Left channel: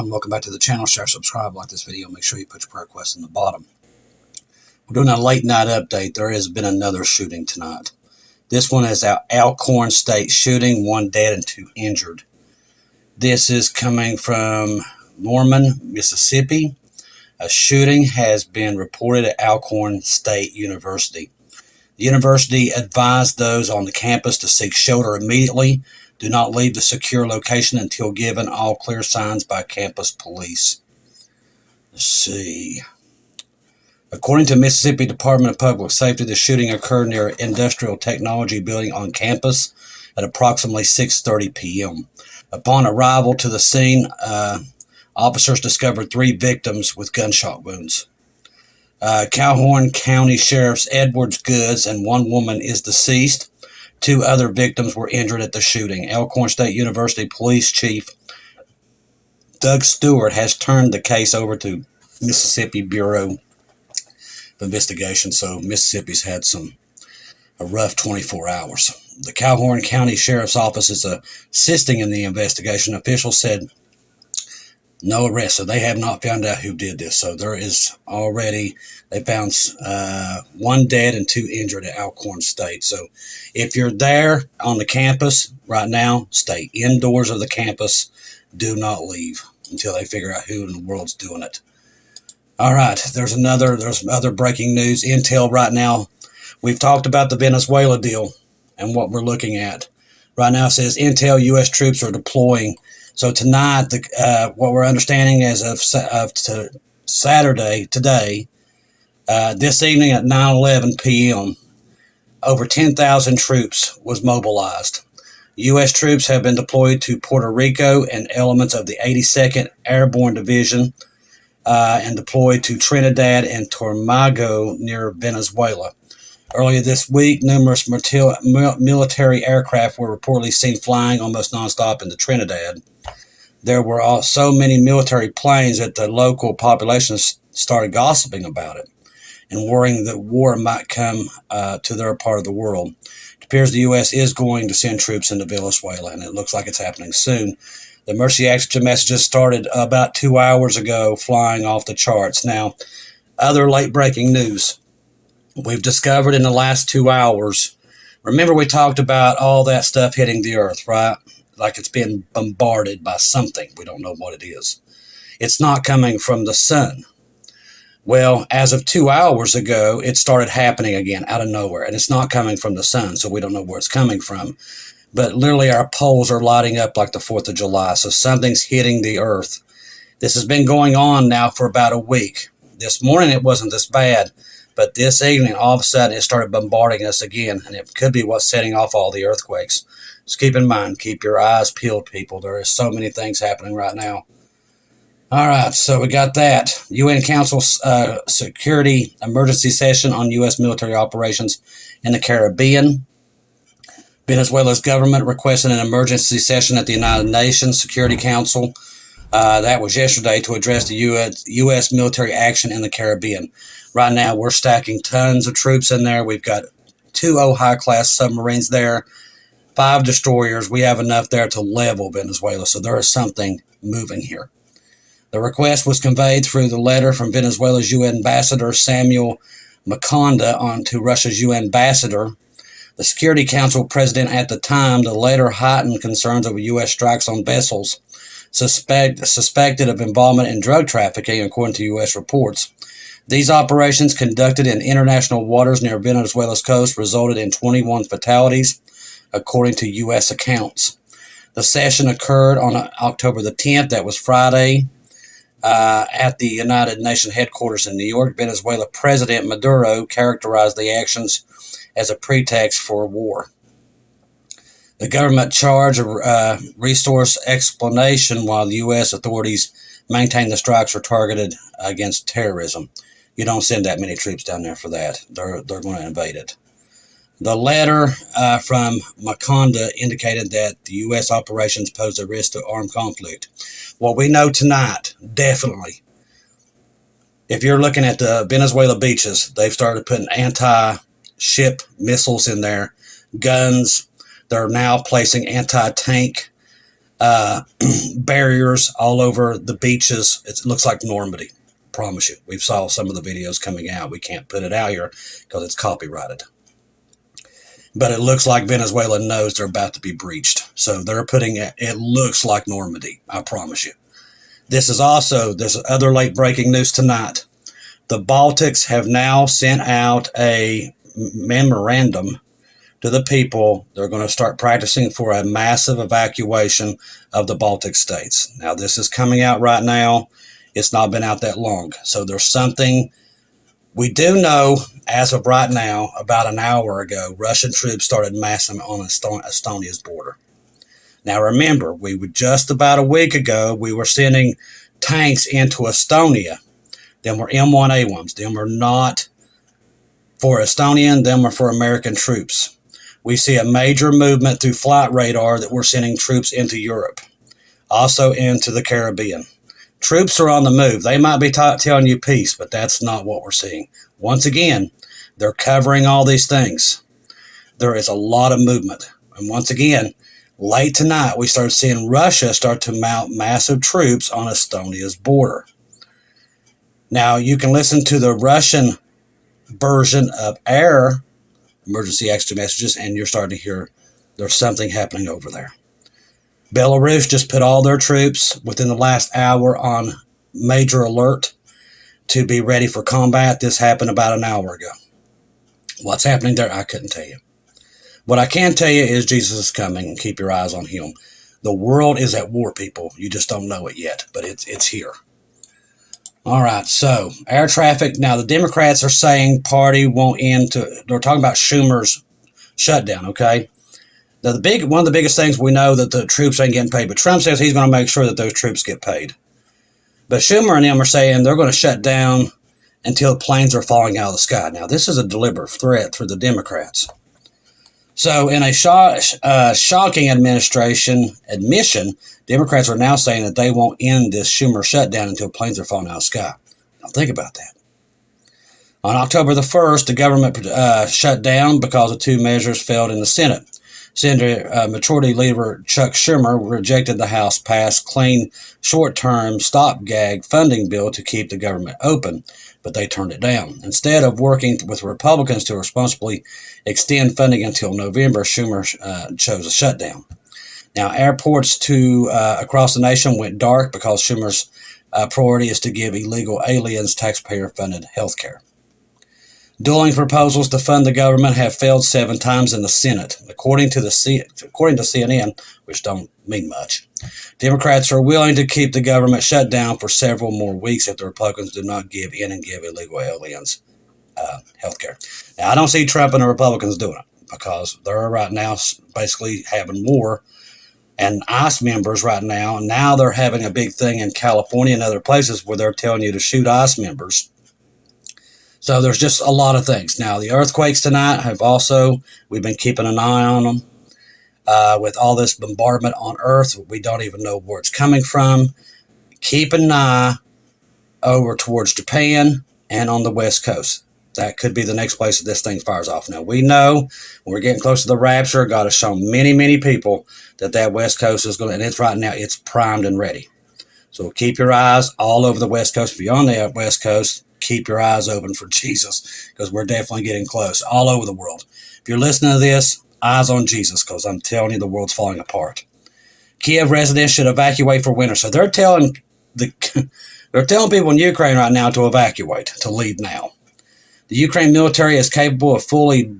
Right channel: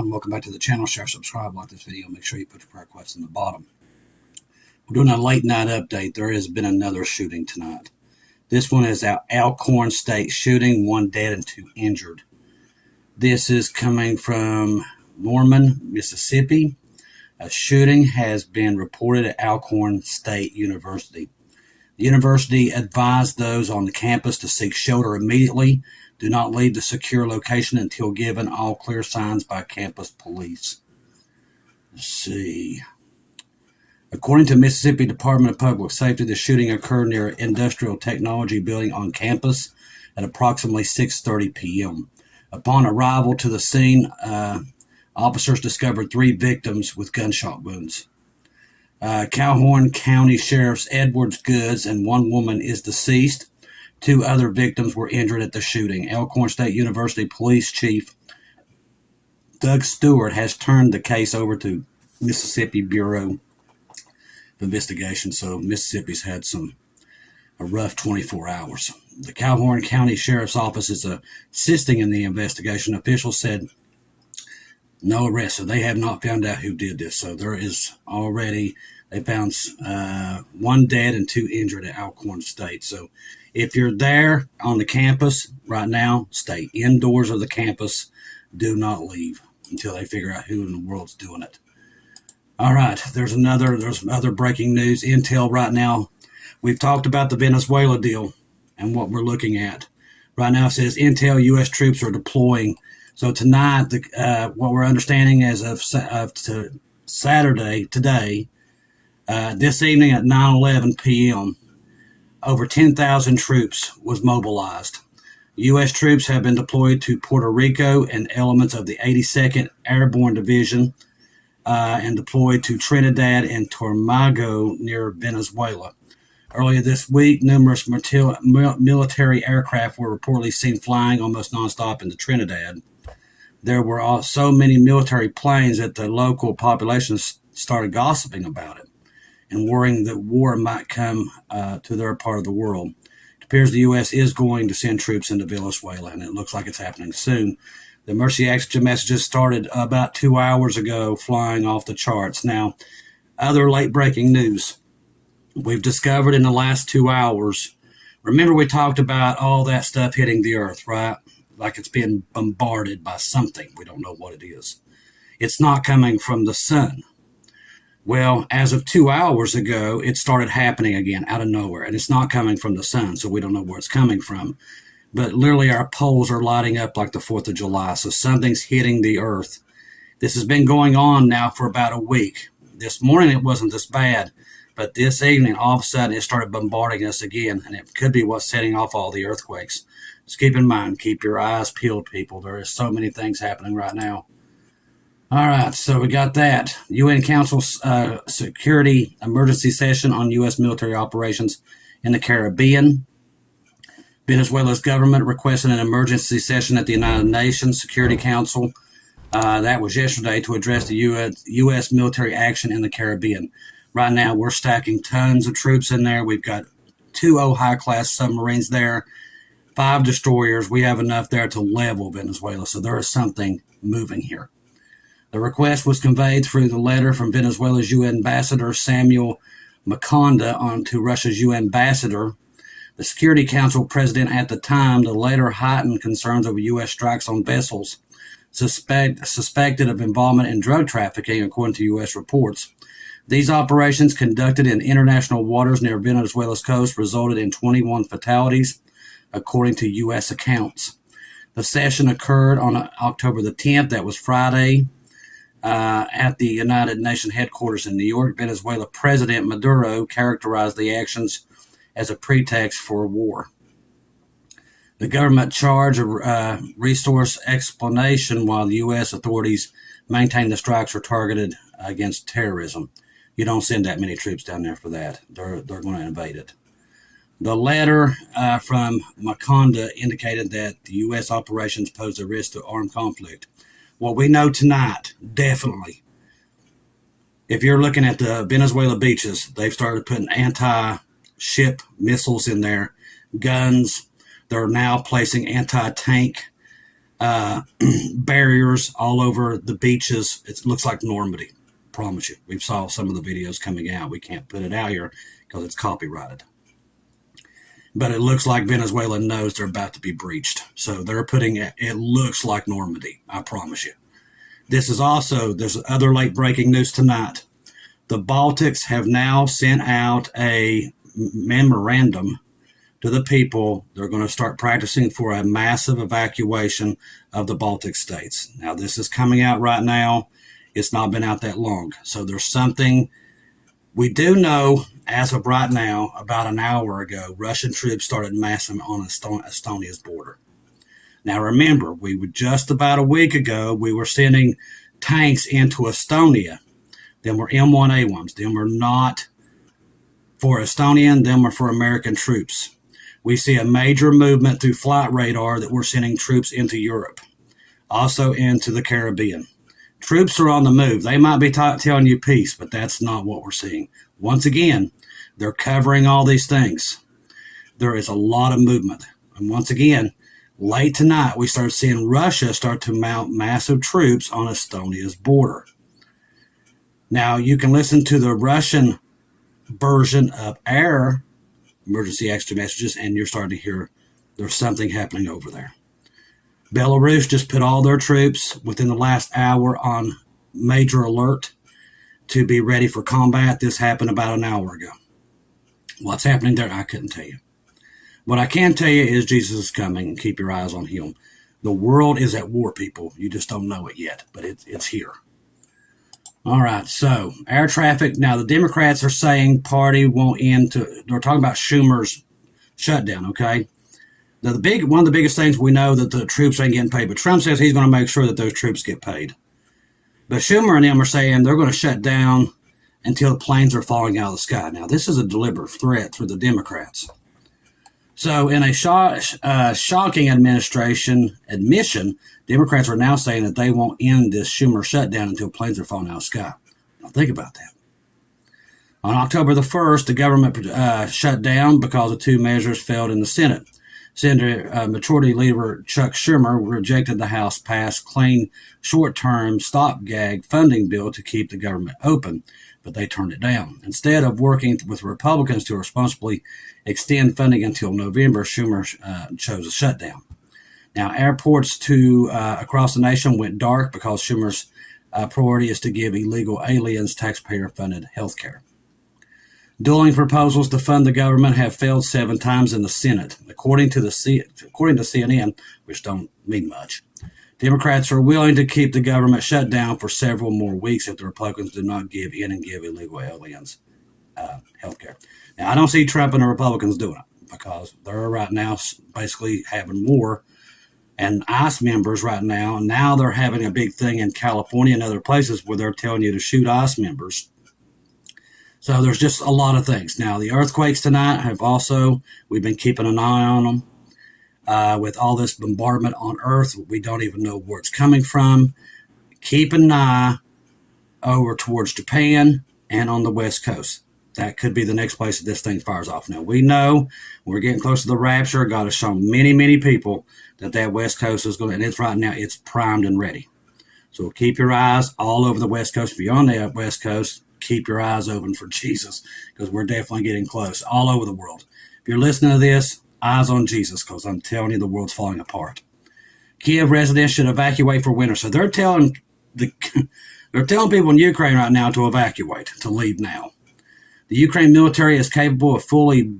everyone. Welcome back to the channel. Share, subscribe, like this video. Make sure you put your prayer requests in the bottom. We're doing a late night update. There has been another shooting tonight. This one is our Alcorn State shooting. 1 dead and 2 injured. This is coming from Norman, Mississippi. A shooting has been reported at Alcorn State University. The university advised those on the campus to seek shelter immediately. Do not leave the secure location until given all clear signs by campus police. Let's see. According to Mississippi Department of Public Safety, the shooting occurred near an industrial technology building on campus at approximately 6:30 p.m. Upon arrival to the scene, officers discovered 3 victims with gunshot wounds. Calhoun County Sheriff's Edwards Goods and 1 woman is deceased. 2 other victims were injured at the shooting. Alcorn State University Police Chief Doug Stewart has turned the case over to Mississippi Bureau of Investigation, so Mississippi's had a rough 24 hours. The Calhoun County Sheriff's Office is assisting in the investigation. Officials said no arrests, so they have not found out who did this. So there is already, they found 1 dead and 2 injured at Alcorn State. So if you're there on the campus right now, stay indoors of the campus. Do not leave until they figure out who in the world's doing it. All right, there's other breaking news. Intel right now, we've talked about the Venezuela deal and what we're looking at. Right now it says Intel U.S. troops are deploying. So tonight, what we're understanding as of Saturday, today, this evening at 9:11 p.m., over 10,000 troops was mobilized. U.S. troops have been deployed to Puerto Rico and elements of the 82nd Airborne Division and deployed to Trinidad and Tobago near Venezuela. Earlier this week, numerous military aircraft were reportedly seen flying almost nonstop into Trinidad. There were so many military planes that the local population started gossiping about it and worrying that war might come to their part of the world. It appears the U.S. is going to send troops into Venezuela, and it looks like it's happening soon. The emergency action messages started about 2 hours ago, flying off the charts. Now, other late-breaking news. We've discovered in the last 2 hours, remember we talked about all that stuff hitting the earth, right? Like it's been bombarded by something. We don't know what it is. It's not coming from the sun. Well, as of 2 hours ago, it started happening again out of nowhere, and it's not coming from the sun, so we don't know where it's coming from. But literally our poles are lighting up like the 4th of July, so something's hitting the earth. This has been going on now for about a week. This morning it wasn't this bad, but this evening, all of a sudden, it started bombarding us again, and it could be what's setting off all the earthquakes. Just keep in mind, keep your eyes peeled, people. There is so many things happening right now. All right, so we got that. UN Council Security Emergency Session on U.S. military operations in the Caribbean. Venezuela's government requested an emergency session at the United Nations Security Council. That was yesterday to address the U.S. military action in the Caribbean. Right now, we're stacking tons of troops in there. We've got 2 high-class submarines there, 5 destroyers. We have enough there to level Venezuela, so there is something moving here. The request was conveyed through the letter from Venezuela's UN ambassador, Samuel Maconda, on to Russia's UN ambassador. The Security Council president at the time, the letter heightened concerns over U.S. strikes on vessels suspected of involvement in drug trafficking, according to U.S. reports. These operations, conducted in international waters near Venezuela's coast, resulted in 21 fatalities, according to U.S. accounts. The session occurred on October the 10th, that was Friday, at the United Nations headquarters in New York. Venezuela President Maduro characterized the actions as a pretext for war. The government charged a resource explanation while the U.S. authorities maintain the strikes were targeted against terrorism. You don't send that many troops down there for that. They're going to invade it. The letter from Maconda indicated that the U.S. operations pose a risk to armed conflict. What we know tonight, definitely, if you're looking at the Venezuela beaches, they've started putting anti-ship missiles in there, guns. They're now placing anti-tank barriers all over the beaches. It looks like Normandy. Promise you. We've saw some of the videos coming out. We can't put it out here because it's copyrighted. But it looks like Venezuela knows they're about to be breached. So they're putting it looks like Normandy. I promise you. This is also, there's other late breaking news tonight. The Baltics have now sent out a memorandum to the people. They're going to start practicing for a massive evacuation of the Baltic states. Now, this is coming out right now. It's not been out that long. So there's something we do know as of right now. About an hour ago, Russian troops started massing on Estonia's border. Now, remember, we were just about a week ago, we were sending tanks into Estonia. Them were M1A1s. Them were not for Estonian. Them were for American troops. We see a major movement through flight radar that we're sending troops into Europe, also into the Caribbean. Troops are on the move. They might be telling you peace, but that's not what we're seeing. Once again, they're covering all these things. There is a lot of movement. And once again, late tonight, we started seeing Russia start to mount massive troops on Estonia's border. Now, you can listen to the Russian version of air emergency extra messages, and you're starting to hear there's something happening over there. Belarus just put all their troops within the last hour on major alert to be ready for combat. This happened about an hour ago. What's happening there, I couldn't tell you. What I can tell you is Jesus is coming, and keep your eyes on him. The world is at war, people. You just don't know it yet, but it's here. All right, so air traffic. Now, the Democrats are saying party won't end to, they're talking about Schumer's shutdown, okay? Now, one of the biggest things we know that the troops ain't getting paid, but Trump says he's going to make sure that those troops get paid. But Schumer and them are saying they're going to shut down until planes are falling out of the sky. Now, this is a deliberate threat for the Democrats. So, in a shocking admission, Democrats are now saying that they won't end this Schumer shutdown until planes are falling out of the sky. Now, think about that. On October the 1st, the government shut down because of two measures failed in the Senate. Senator Majority Leader Chuck Schumer rejected the House-passed clean short-term stopgap funding bill to keep the government open, but they turned it down. Instead of working with Republicans to responsibly extend funding until November, Schumer chose a shutdown. Now, airports across the nation went dark because Schumer's priority is to give illegal aliens taxpayer-funded health care. Dueling proposals to fund the government have failed 7 times in the Senate, according to CNN, which don't mean much. Democrats are willing to keep the government shut down for several more weeks if the Republicans do not give in and give illegal aliens health care. Now, I don't see Trump and the Republicans doing it because they're right now basically having war. And ICE members right now, and now they're having a big thing in California and other places where they're telling you to shoot ICE members. So there's just a lot of things. Now, the earthquakes tonight we've been keeping an eye on them. With all this bombardment on Earth, we don't even know where it's coming from. Keep an eye over towards Japan and on the West Coast. That could be the next place that this thing fires off. Now, we know when we're getting close to the rapture, God has shown many, many people that West Coast is going to, and it's right now, it's primed and ready. So keep your eyes all over the West Coast. If you're on the West Coast, keep your eyes open for Jesus because we're definitely getting close all over the world. If you're listening to this, eyes on Jesus because I'm telling you the world's falling apart. Kiev residents should evacuate for winter. So they're telling people in Ukraine right now to evacuate, to leave now. The Ukraine military is capable of fully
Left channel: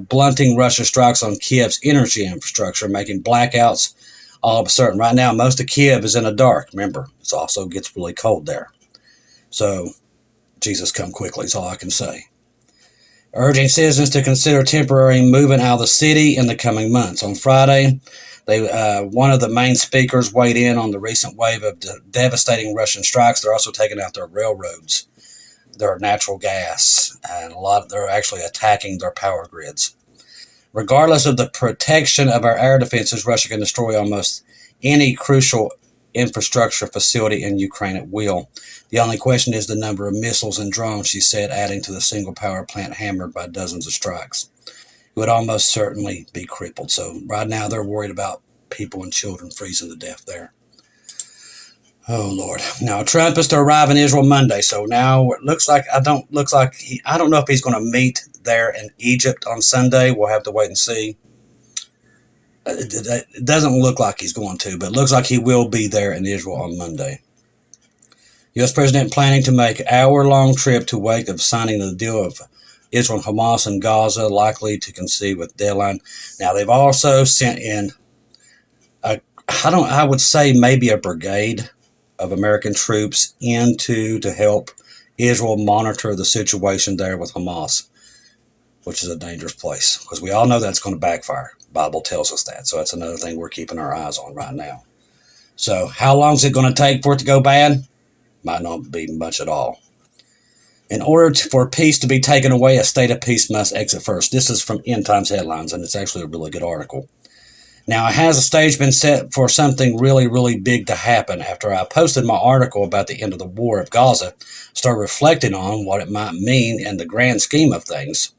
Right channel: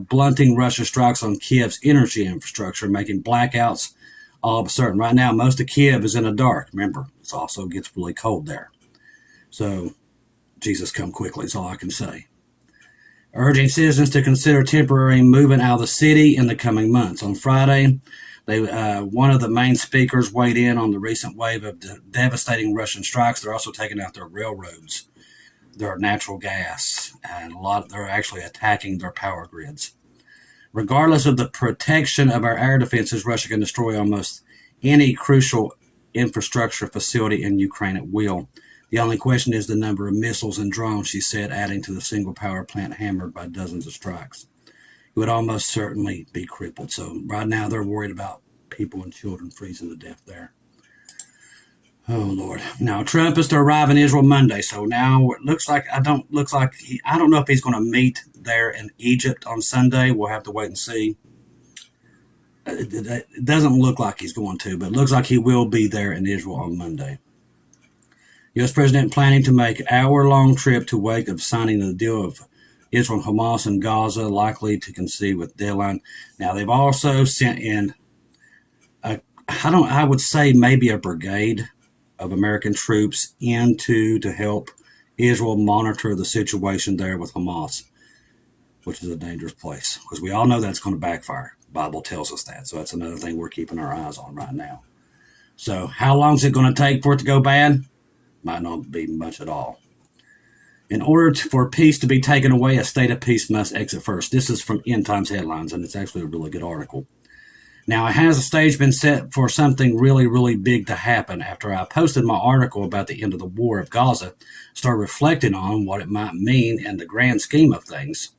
blunting Russia's strikes on Kiev's energy infrastructure, making blackouts all of a sudden. Right now, most of Kiev is in the dark. Remember, it also gets really cold there. So Jesus come quickly is all I can say. Urging citizens to consider temporary moving out of the city in the coming months. On Friday, one of the main speakers weighed in on the recent wave of devastating Russian strikes. They're also taking out their railroads, their natural gas, and they're actually attacking their power grids. Regardless of the protection of our air defenses, Russia can destroy almost any crucial infrastructure facility in Ukraine at will. The only question is the number of missiles and drones, she said, adding to the single power plant hammered by dozens of strikes. It would almost certainly be crippled. So right now they're worried about people and children freezing to death there. Oh Lord! Now Trump is to arrive in Israel Monday, so now it looks like I don't know if he's going to meet there in Egypt on Sunday. We'll have to wait and see. It doesn't look like he's going to, but it looks like he will be there in Israel on Monday. U.S. President planning to make hour-long trip to wake of signing the deal of Israel and Hamas and Gaza, likely to concede with deadline. Now they've also sent in I would say maybe a brigade of American troops to help Israel monitor the situation there with Hamas, which is a dangerous place because we all know that's going to backfire. The Bible tells us that. So that's another thing we're keeping our eyes on right now. So how long is it going to take for it to go bad? Might not be much at all. In order for peace to be taken away, a state of peace must exit first. This is from End Times Headlines, and it's actually a really good article. Now, has the stage been set for something really, really big to happen? After I posted my article about the end of the war of Gaza, started reflecting on what it might mean in the grand scheme of things.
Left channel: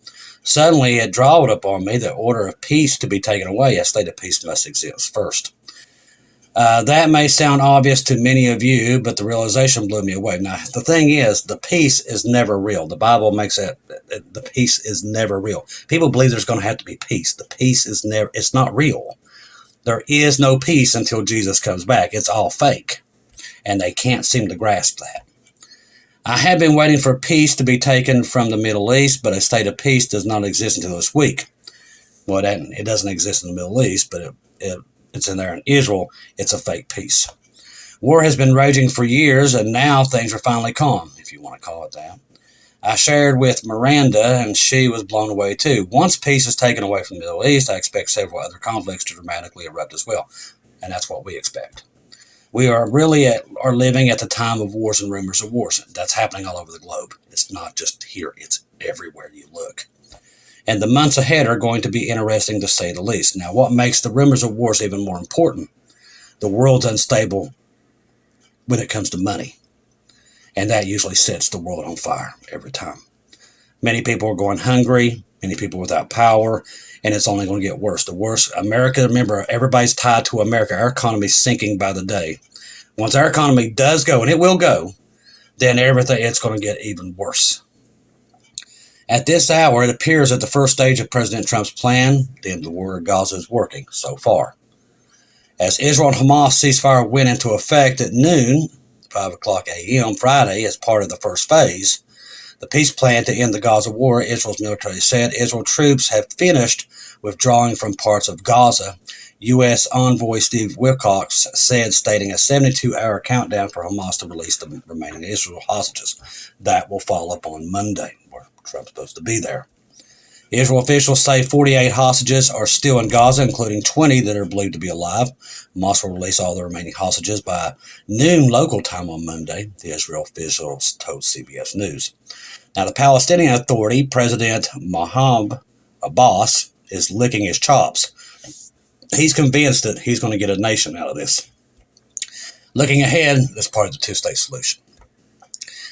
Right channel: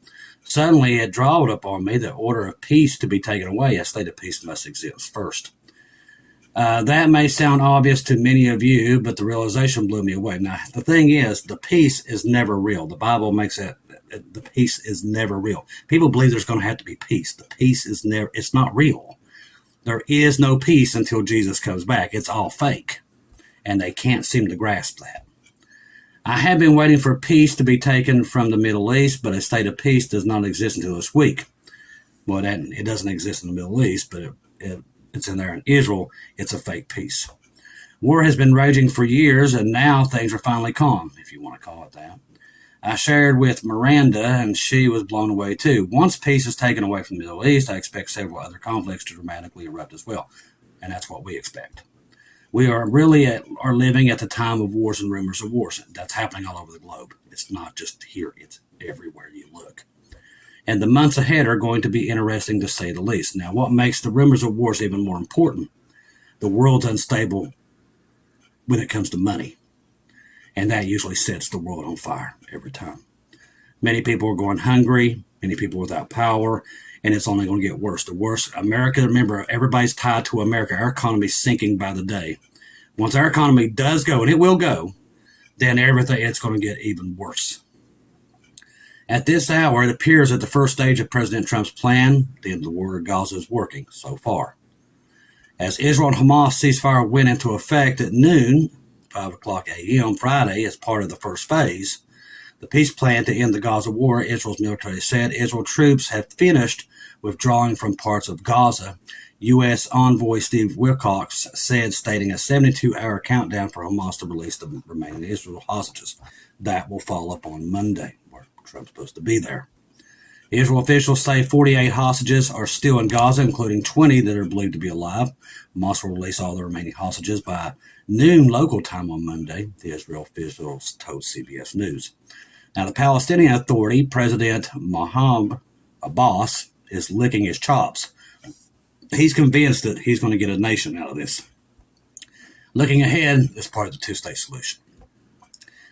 Suddenly, it dawned upon me the order of peace to be taken away, a state of peace must exist first. That may sound obvious to many of you, but the realization blew me away. Now, the thing is, the peace is never real. The Bible makes it, the peace is never real. People believe there's going to have to be peace. The peace is never, it's not real. There is no peace until Jesus comes back. It's all fake, and they can't seem to grasp that. I have been waiting for peace to be taken from the Middle East, but a state of peace does not exist until this week. Well, it doesn't exist in the Middle East, but it's in there in Israel. It's a fake peace. War has been raging for years, and now things are finally calm, if you want to call it that. I shared with Miranda, and she was blown away too. Once peace is taken away from the Middle East, I expect several other conflicts to dramatically erupt as well, and that's what we expect. We are living at the time of wars and rumors of wars. That's happening all over the globe. It's not just here. It's everywhere you look. And the months ahead are going to be interesting, to say the least. Now, what makes the rumors of wars even more important? The world's unstable when it comes to money. And that usually sets the world on fire every time. Many people are going hungry, many people without power, and it's only going to get worse. The worse, America, remember, everybody's tied to America. Our economy is sinking by the day. Once our economy does go, and it will go, then it's going to get even worse. At this hour, it appears that the first stage of President Trump's plan, the end of the war in Gaza, is working so far. As Israel and Hamas ceasefire went into effect at noon, 5 o'clock a.m. Friday, as part of the first phase, the peace plan to end the Gaza war, Israel's military said Israel troops have finished withdrawing from parts of Gaza. U.S. envoy Steve Witkoff said, stating a 72-hour countdown for Hamas to release the remaining Israel hostages. That will fall upon Monday, where Trump's supposed to be there. Israel officials say 48 hostages are still in Gaza, including 20 that are believed to be alive. Hamas will release all the remaining hostages by noon local time on Monday, the Israel officials told CBS News. Now, the Palestinian Authority, President Mahmoud Abbas, is licking his chops. He's convinced that he's going to get a nation out of this. Looking ahead, as part of the two-state solution.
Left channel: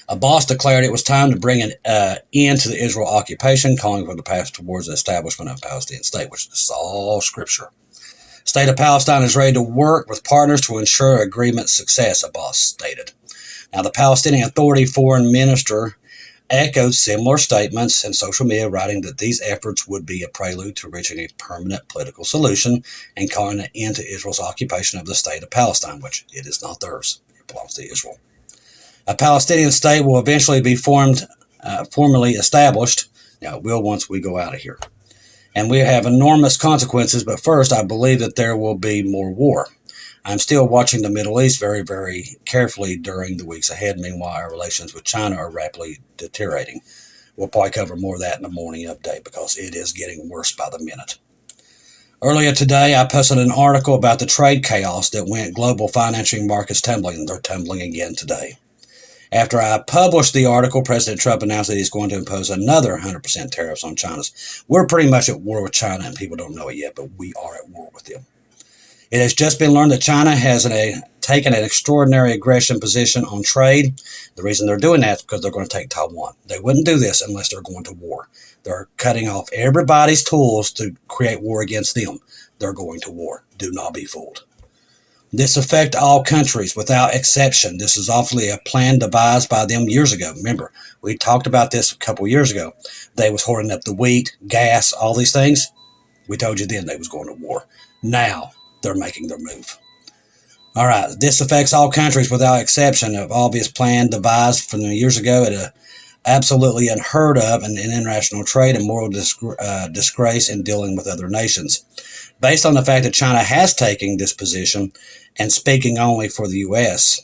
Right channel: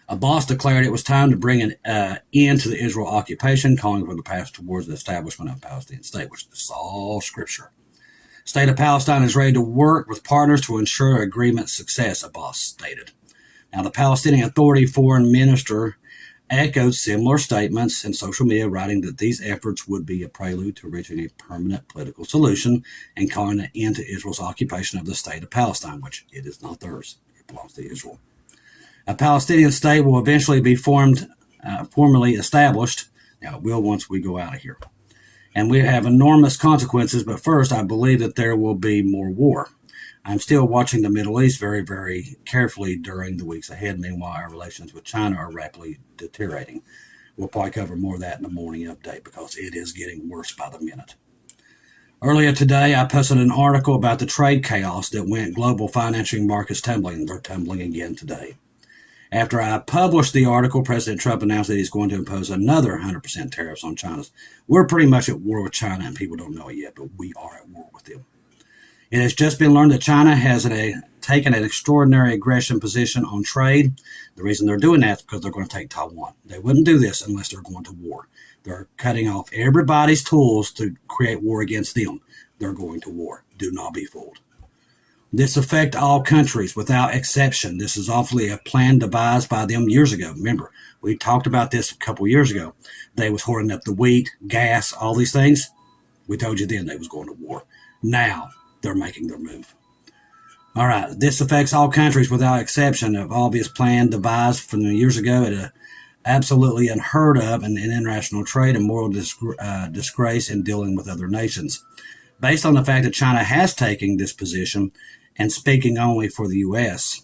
Abbas declared it was time to bring an end to the Israel occupation, calling for the path towards the establishment of a Palestinian state, which is all scripture. State of Palestine is ready to work with partners to ensure agreement success, Abbas stated. Now, the Palestinian Authority foreign minister echoed similar statements in social media, writing that these efforts would be a prelude to reaching a permanent political solution and calling an end to Israel's occupation of the state of Palestine, which it is not theirs. It belongs to Israel. A Palestinian state will eventually be formally established. Now, it will once we go out of here. And we have enormous consequences, but first, I believe that there will be more war. I'm still watching the Middle East very, very carefully during the weeks ahead. Meanwhile, our relations with China are rapidly deteriorating. We'll probably cover more of that in the morning update because it is getting worse by the minute. Earlier today, I posted an article about the trade chaos that went global financing markets tumbling. They're tumbling again today. After I published the article, President Trump announced that he's going to impose another 100% tariffs on China's. We're pretty much at war with China, and people don't know it yet, but we are at war with them. It has just been learned that China has taken an extraordinary aggression position on trade. The reason they're doing that is because they're going to take Taiwan. They wouldn't do this unless they're going to war. They're cutting off everybody's tools to create war against them. they're going to war. Do not be fooled. This affects all countries without exception. This is awfully a plan devised by them years ago. Remember, we talked about this a couple years ago. They was hoarding up the wheat, gas, all these things. We told you then they was going to war. Now they're making their move. All right, this affects all countries without exception. Of obvious plan devised from years ago at absolutely unheard of in international trade and moral disgrace in dealing with other nations. Based on the fact that China has taken this position and speaking only for the U.S.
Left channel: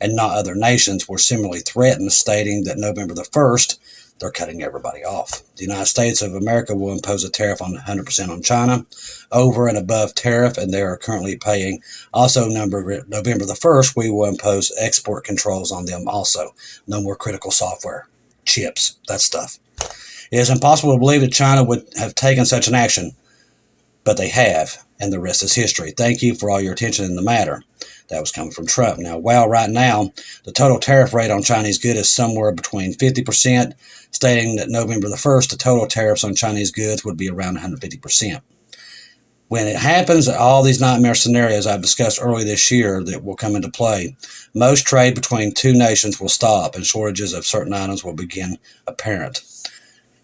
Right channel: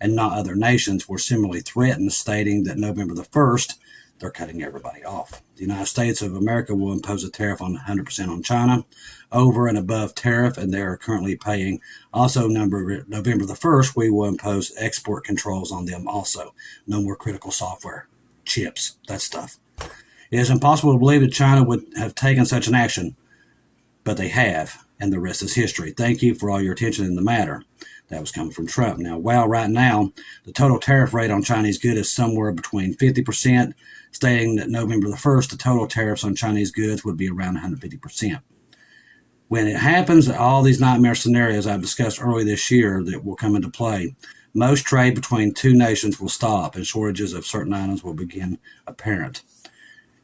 and not other nations were similarly threatened, stating that November the 1st, they're cutting everybody off. The United States of America will impose a tariff on 100% on China, over and above tariff, and they are currently paying. Also, November the 1st, we will impose export controls on them also. No more critical software, chips, that stuff. It is impossible to believe that China would have taken such an action, but they have, and the rest is history. Thank you for all your attention in the matter. That was coming from Trump. Now, right now, the total tariff rate on Chinese goods is somewhere between 50%, stating that November the 1st, the total tariffs on Chinese goods would be around 150%. When it happens, all these nightmare scenarios I've discussed earlier this year that will come into play, most trade between two nations will stop and shortages of certain items will begin apparent.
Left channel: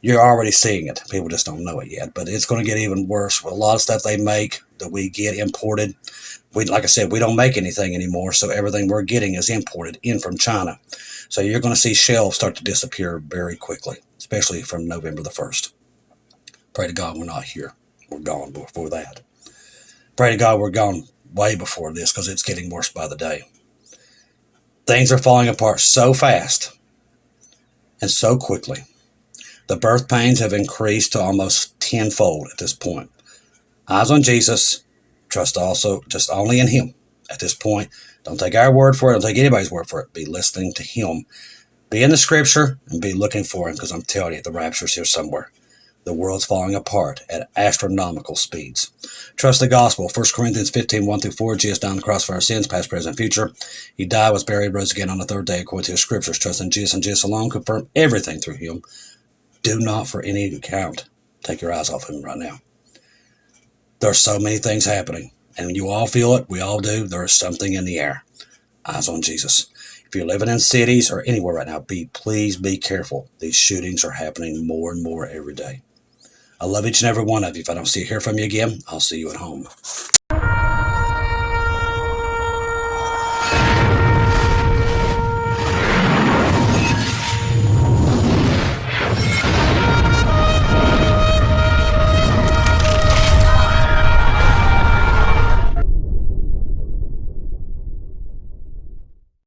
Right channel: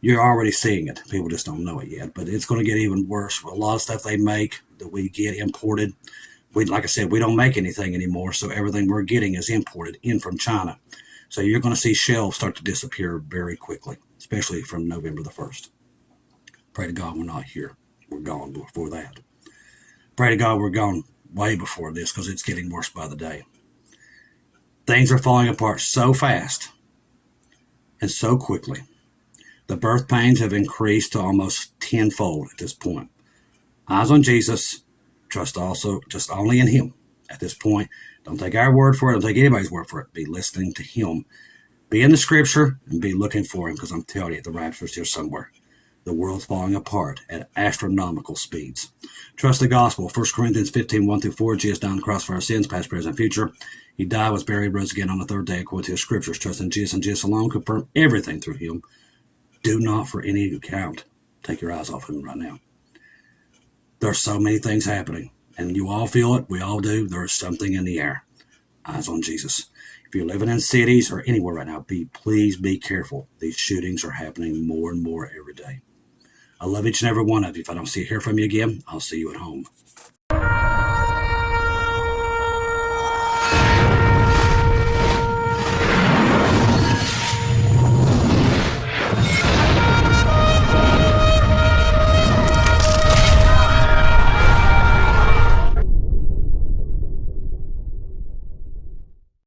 You're already seeing it. People just don't know it yet, but it's going to get even worse with a lot of stuff they make that we get imported. Like I said, we don't make anything anymore, so everything we're getting is imported in from China. So you're going to see shelves start to disappear very quickly, especially from November the 1st. Pray to God we're not here. We're gone before that. Pray to God we're gone way before this because it's getting worse by the day. Things are falling apart so fast and so quickly. The birth pains have increased to almost tenfold at this point. Eyes on Jesus. Trust also just only in Him at this point. Don't take our word for it. Don't take anybody's word for it. Be listening to Him. Be in the Scripture and be looking for Him because I'm telling you, the rapture's here somewhere. The world's falling apart at astronomical speeds. Trust the gospel. 1 Corinthians 15, 1-4. Jesus died on the cross for our sins, past, present, future. He died, was buried, rose again on the third day according to the Scriptures. Trust in Jesus and Jesus alone. Confirm everything through Him. Do not for any account take your eyes off Him right now. There's so many things happening, and you all feel it. We all do. There is something in the air. Eyes on Jesus. If you're living in cities or anywhere right now, please be careful. These shootings are happening more and more every day. I love each and every one of you. If I don't hear from you again, I'll see you at home.